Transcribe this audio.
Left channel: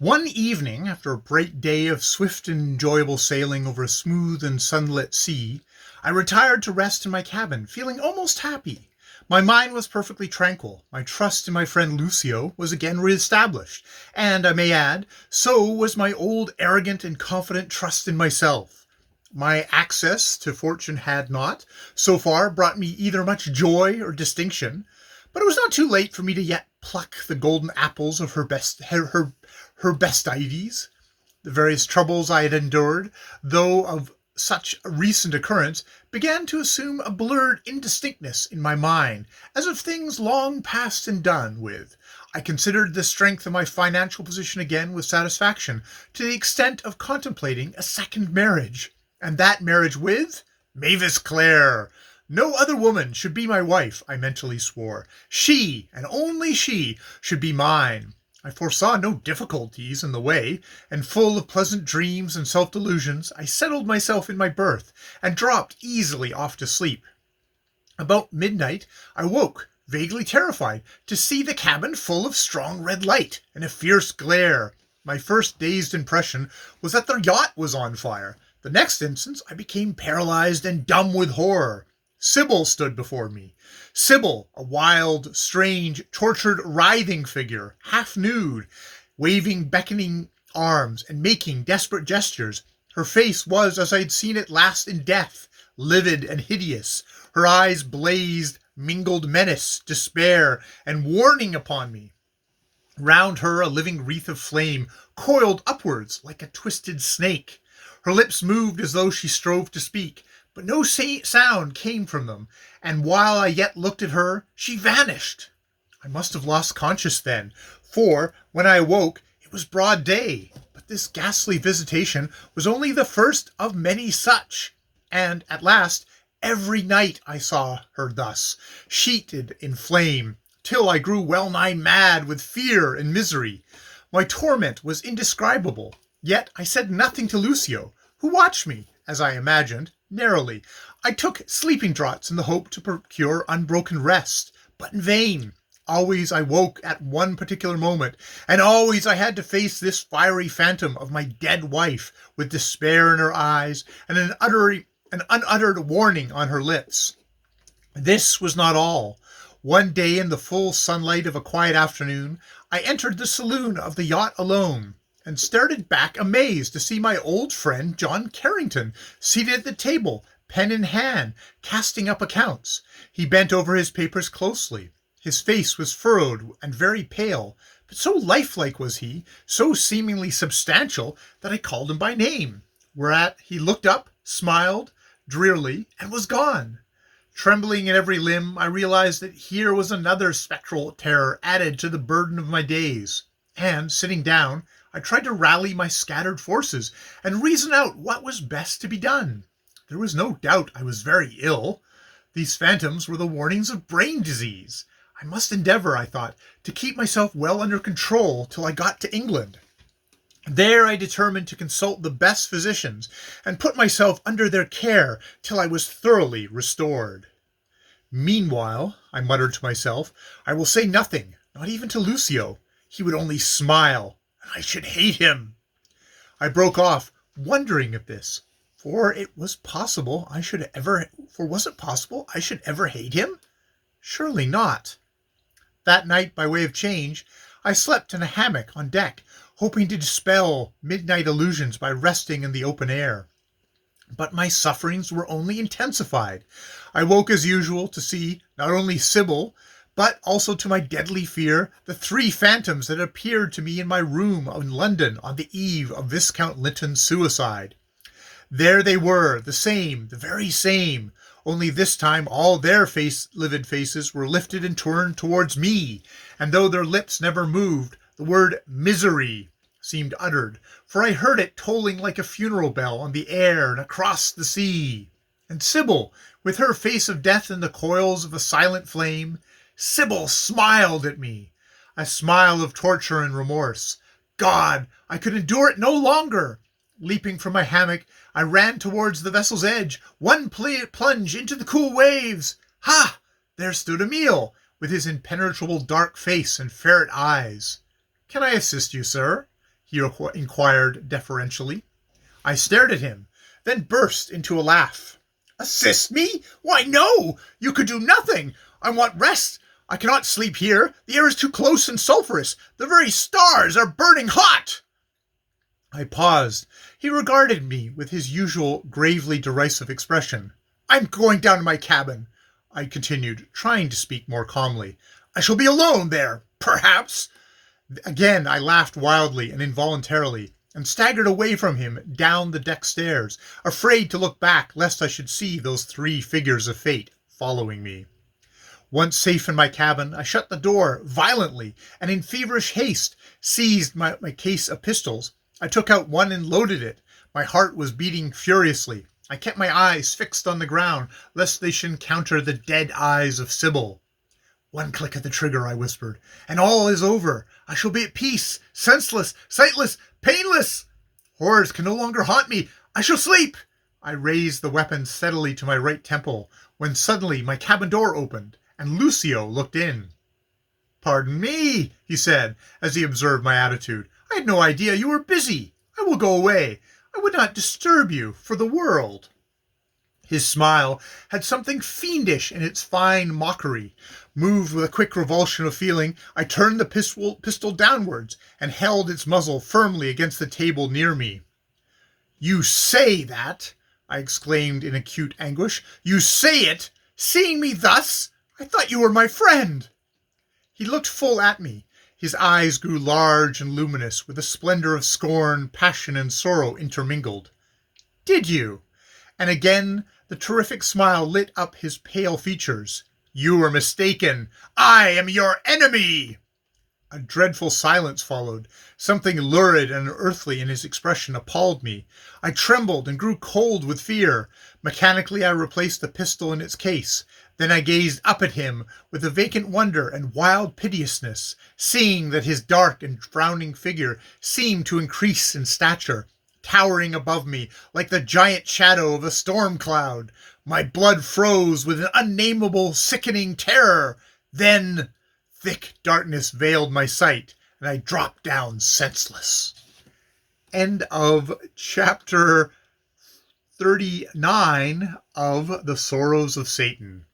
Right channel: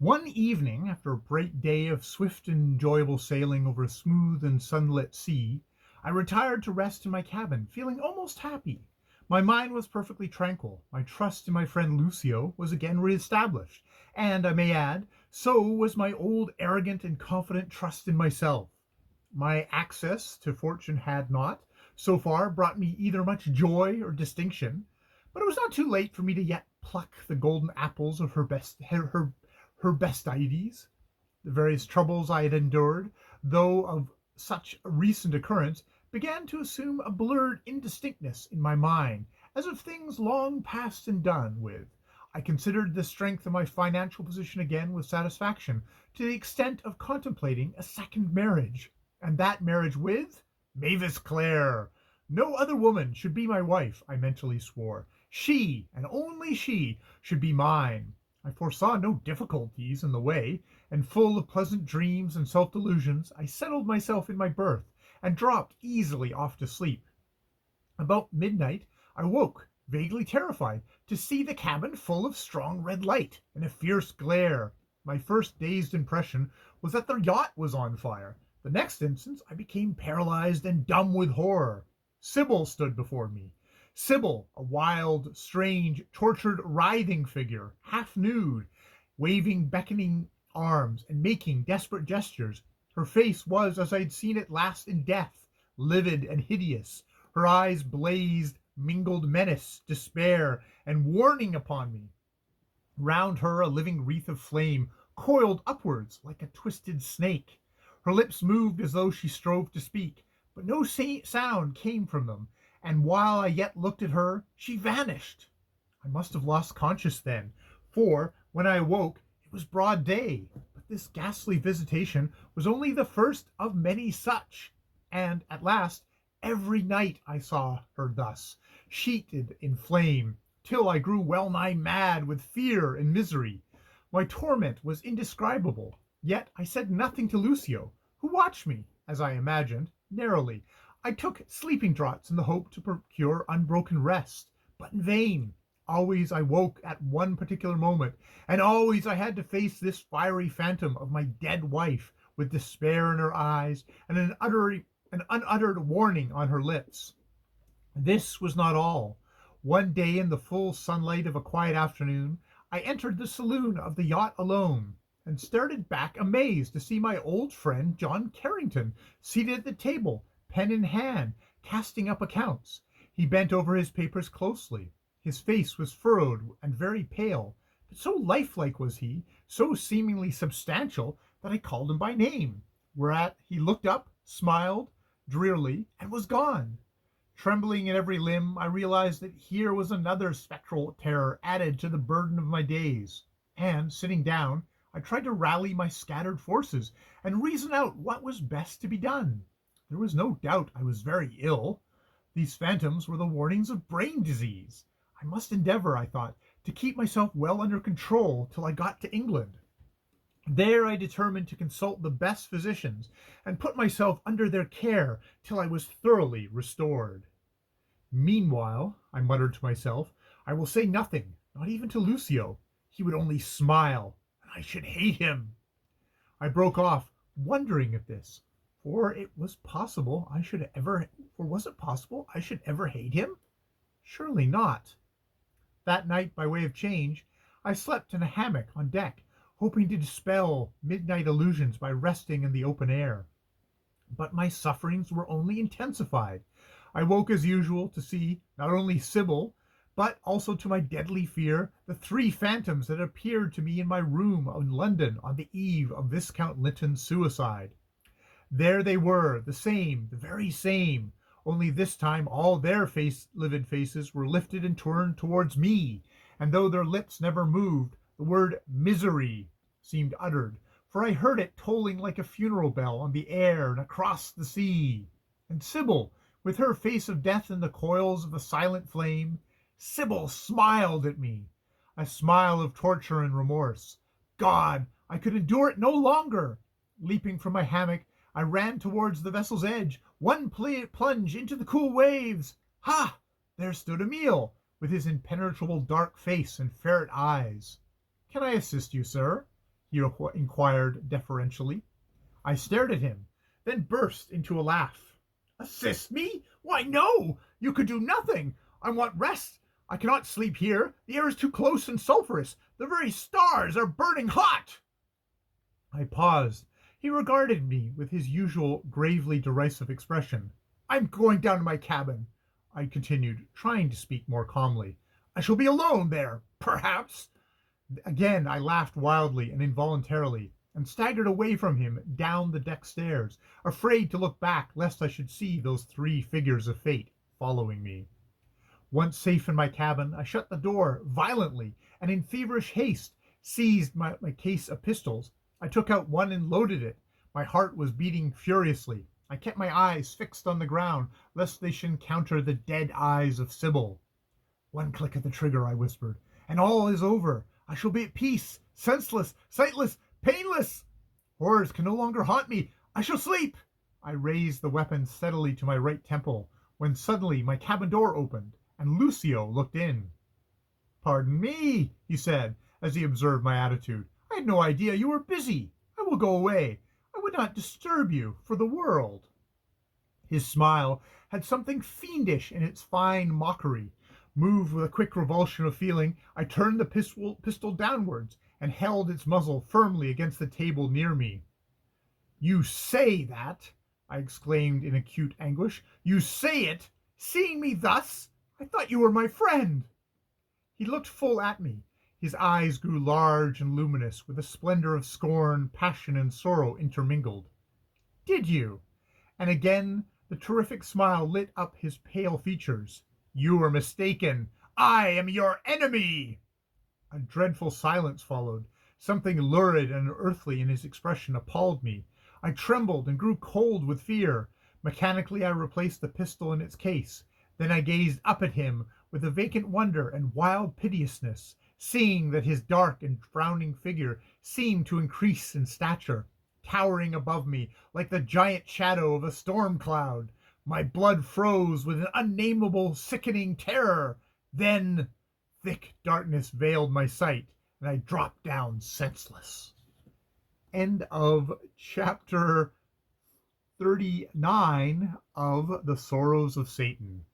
One evening, after a bright day of swift and enjoyable sailing over a smooth and sunlit sea, I retired to rest in my cabin, feeling almost happy. My mind was perfectly tranquil, my trust in my friend Lucio was again re-established, and, I may add, so was my old arrogant and confident trust in myself. My access to fortune had not, so far, brought me either much joy or distinction, but it was not too late for me to yet pluck the golden apples of her bestides. The various troubles I had endured, though of such a recent occurrence, began to assume a blurred indistinctness in my mind, as of things long past and done with. I considered the strength of my financial position again with satisfaction, to the extent of contemplating a second marriage, and that marriage with Mavis Clare. No other woman should be my wife, I mentally swore. She, and only she, should be mine. I foresaw no difficulties in the way, and full of pleasant dreams and self-delusions, I settled myself in my berth, and dropped easily off to sleep. About midnight I woke, vaguely terrified, to see the cabin full of strong red light, and a fierce glare. My first dazed impression was that the yacht was on fire. The next instant I became paralyzed and dumb with horror. Sybil stood before me. Sybil, a wild, strange, tortured, writhing figure, half nude, waving beckoning arms and making desperate gestures. Her face was as I had seen it last in death, livid and hideous. Her eyes blazed, mingled menace, despair, and warning upon me. Round her a living wreath of flame coiled upwards like a twisted snake. Her lips moved as though she strove to speak, but no sound came from them, and while I yet looked at her, she vanished. I must have lost conscience then, for when I awoke it was broad day, but this ghastly visitation was only the first of many such, and at last every night I saw her thus, sheeted in flame, till I grew well nigh mad with fear and misery. My torment was indescribable, yet I said nothing to Lucio, who watched me, as I imagined, narrowly. I took sleeping draughts in the hope to procure unbroken rest, but in vain. Always I woke at one particular moment, and always I had to face this fiery phantom of my dead wife, with despair in her eyes and an unuttered warning on her lips. This was not all. One day, in the full sunlight of a quiet afternoon, I entered the saloon of the yacht alone, and started back amazed to see my old friend John Carrington seated at the table, pen in hand, casting up accounts. He bent over his papers closely. His face was furrowed and very pale, but so lifelike was he, so seemingly substantial, that I called him by name, whereat he looked up, smiled drearily, and was gone. Trembling in every limb, I realized that here was another spectral terror added to the burden of my days, and, sitting down, I tried to rally my scattered forces and reason out what was best to be done. There was no doubt I was very ill. These phantoms were the warnings of brain disease. I must endeavor, I thought, to keep myself well under control till I got to England. There I determined to consult the best physicians and put myself under their care till I was thoroughly restored. Meanwhile, I muttered to myself, I will say nothing, not even to Lucio. He would only smile, and I should hate him. I broke off, wondering at this, for was it possible I should ever hate him? Surely not. That night, by way of change, I slept in a hammock on deck, hoping to dispel midnight illusions by resting in the open air. But my sufferings were only intensified. I woke as usual to see not only Sybil, but also, to my deadly fear, the three phantoms that appeared to me in my room in London on the eve of Viscount Linton's suicide. There they were, the very same, only this time all their livid faces were lifted and turned towards me, and though their lips never moved, the word misery seemed uttered, for I heard it tolling like a funeral bell on the air and across the sea. And Sybil, with her face of death in the coils of a silent flame, Sybil smiled at me, a smile of torture and remorse. God, I could endure it no longer. Leaping from my hammock, I ran towards the vessel's edge, one plunge into the cool waves. Ha! There stood Emile, with his impenetrable dark face and ferret eyes. "Can I assist you, sir?" he inquired deferentially. I stared at him, then burst into a laugh. Assist me? Why, no! You could do nothing! I want rest! I cannot sleep here! The air is too close and sulphurous! The very stars are burning hot! I paused. He regarded me with his usual gravely derisive expression. I'm going down to my cabin, I continued, trying to speak more calmly. I shall be alone there, perhaps. Again I laughed wildly and involuntarily, and staggered away from him down the deck stairs, afraid to look back lest I should see those three figures of fate following me. Once safe in my cabin, I shut the door violently, and in feverish haste seized my case of pistols. I took out one and loaded it. My heart was beating furiously. I kept my eyes fixed on the ground, lest they should encounter the dead eyes of Sybil. One click of the trigger, I whispered, and all is over. I shall be at peace, senseless, sightless, painless. Horrors can no longer haunt me. I shall sleep. I raised the weapon steadily to my right temple, when suddenly my cabin door opened, and Lucio looked in. Pardon me, he said, as he observed my attitude. I had no idea you were busy. I will go away. I would not disturb you for the world. His smile had something fiendish in its fine mockery. Moved with a quick revulsion of feeling, I turned the pistol downwards and held its muzzle firmly against the table near me. You say that? I exclaimed in acute anguish. You say it? Seeing me thus? I thought you were my friend. He looked full at me. His eyes grew large and luminous, with a splendor of scorn, passion, and sorrow intermingled. Did you? And again the terrific smile lit up his pale features. You were mistaken. I am your enemy. A dreadful silence followed. Something lurid and unearthly in his expression appalled me. I trembled and grew cold with fear. Mechanically I replaced the pistol in its case. Then I gazed up at him with a vacant wonder and wild piteousness, seeing that his dark and frowning figure seemed to increase in stature, towering above me like the giant shadow of a storm cloud. My blood froze with an unnameable, sickening terror. Then thick darkness veiled my sight, and I dropped down senseless. End of chapter 39 of The Srrws of Satan.